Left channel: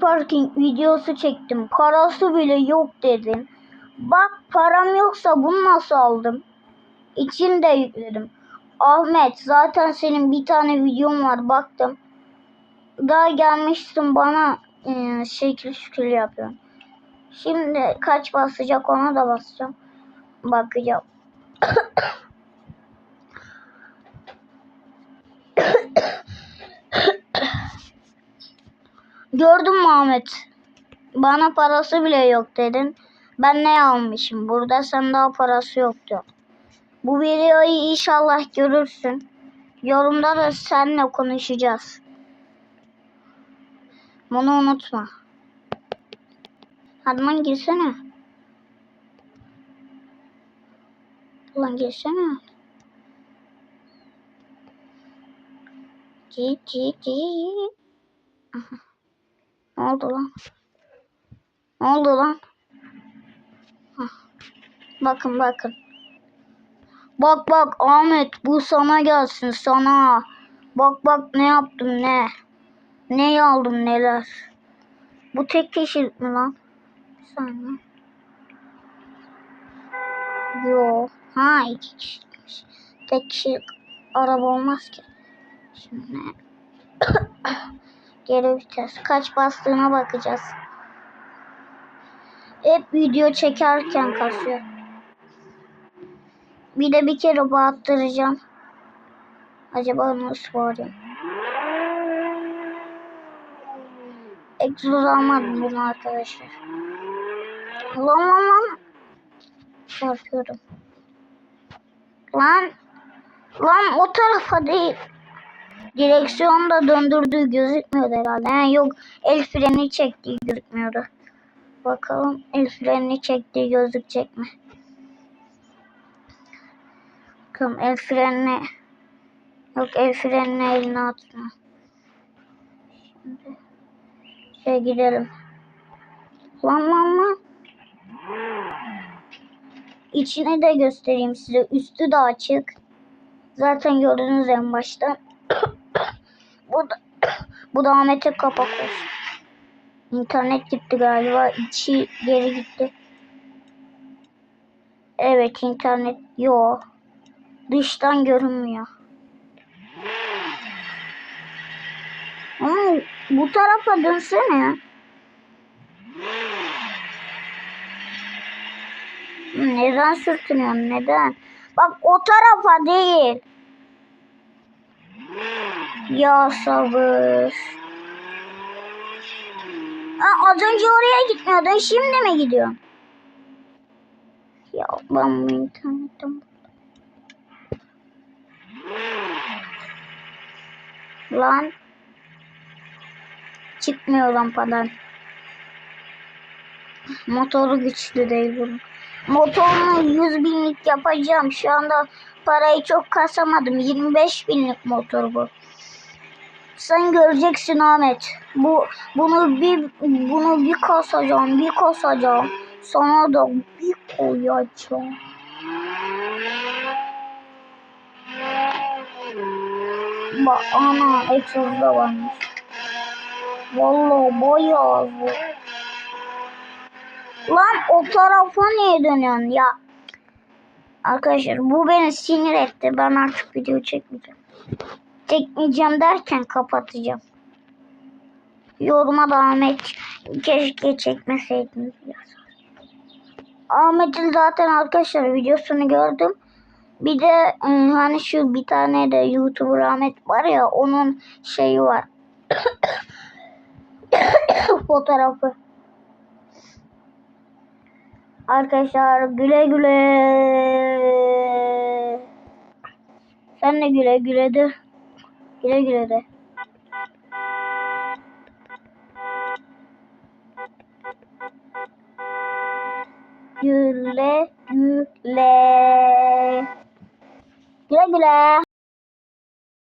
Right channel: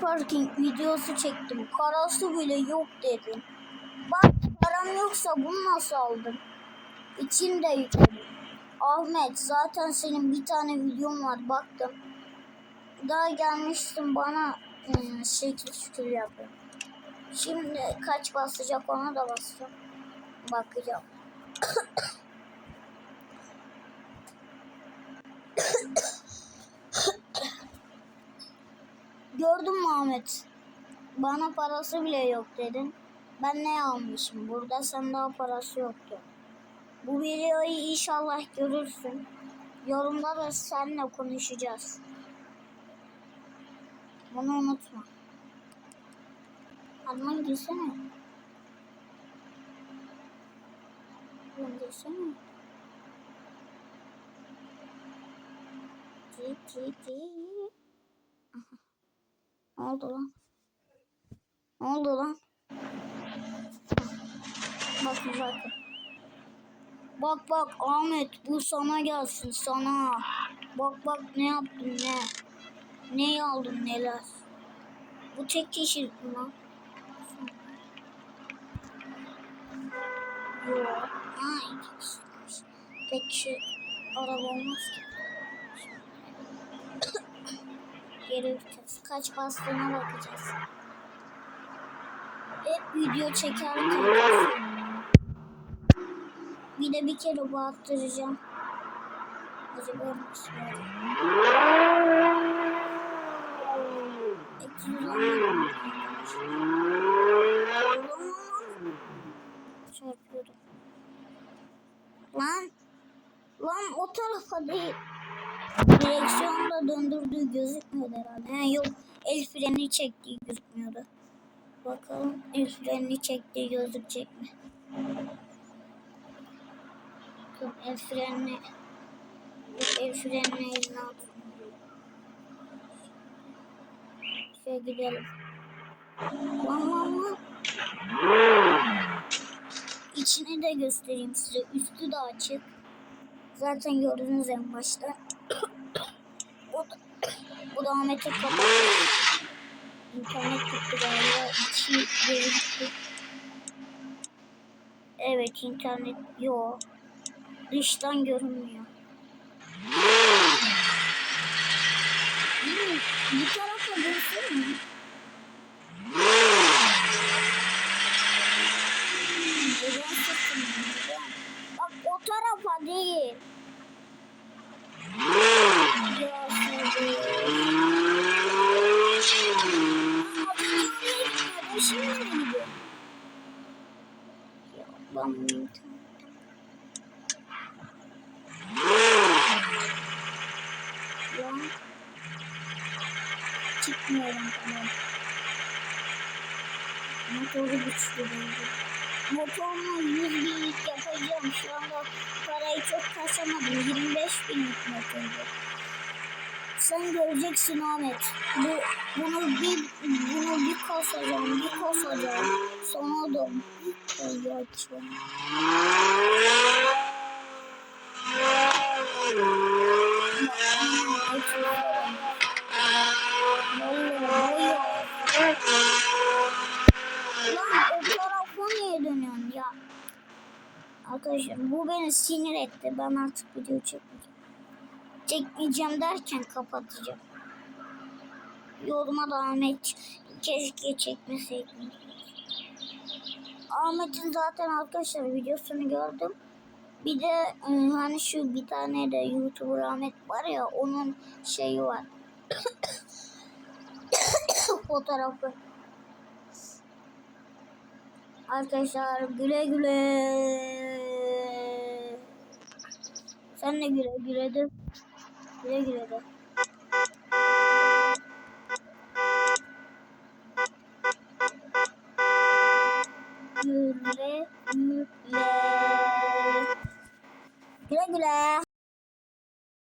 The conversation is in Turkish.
parking videosu çektim. Parası bile yok dedim. Bak param yoksa bunu nasıl aldım? İçini de yükledim. Ahmet zaten senin bir tane videon var baktım. Daha gelmişsin bana e, şekil şükür yapıyorsun. Şimdi kaç basacak ona da basacağım. Bakacağım. Gördün mü Ahmet? Bana parası bile yok dedin. Ben ne almışım? Burada sen daha parası yok diyor. Bu videoyu inşallah görürsün. Yorumda da seninle konuşacağız. Bunu unutma. Hadi lan girsene. Lan girsene. Ci ci ci. Aha. Ne oldu lan? Ne oldu lan? Hah. Bakın bakın. Bak bak Ahmet bu sana gelsin sana. Bak bak ne yaptım ne. Ne aldım neler. Bu tek kişilik mi lan? Sana. Yo. Ha iki kişilikmiş. Tek kişilik araba olmaz ki. Şimdi geri. Kaç bastığına bakacağız. Hep video çekerken kasıyor. Bir de bir kere bağıttıracağım. Acaba nasıl bağırıyor? Egzoz almadım bunu arkadaşlar. Lan lan lan. Çarpıyorum. Lan. Lan o tarafa değil. Direksiyonda döndürdüğü gözükmüyordu herhalde. Ha, yok el freni çektiği gözükmüyordu. Bakalım el freni çektiği gözükecek mi? Bakalım el frenini Yok el frenini eline atma. Şey gidelim. Lan lan lan. İçini de göstereyim size. Üstü de açık. Zaten gördünüz en başta. bu da, bu da Ahmet'i kapattı. İnternet gitti galiba. İçi geri gitti. Evet internet yok. Dıştan görünmüyor. Ama bu tarafa dönsene. Neden sürtünüyorsun neden? Bak o tarafa değil. Ya sabır. Aa, az önce oraya gitmiyordun şimdi mi gidiyorsun? Ya ben bu internetim. Lan. Çıkmıyor lampadan. Motoru güçlü değil bunun. Motorunu 100 binlik yapacağım. Şu anda parayı çok kasamadım. 25 binlik motor bu. Sen göreceksin Ahmet. Bu bunu bir bunu bir kasacağım, bir kasacağım. Sana da bir koyacağım. Bak ana egzozda varmış. Vallahi bayağı zor. Lan o tarafa niye dönüyorsun ya? Arkadaşlar bu beni sinir etti. Ben artık video çekmeyeceğim. Çekmeyeceğim derken kapatacağım. Yoruma da Ahmet keşke çekmeseydiniz. Ahmet'in zaten arkadaşlar videosunu gördüm. Bir de ıı, hani şu bir tane de YouTuber Ahmet var ya onun şeyi var. Fotoğrafı. Arkadaşlar güle güle. Sen de güle güle de. Güle güle de. Güle güle. Güle güle.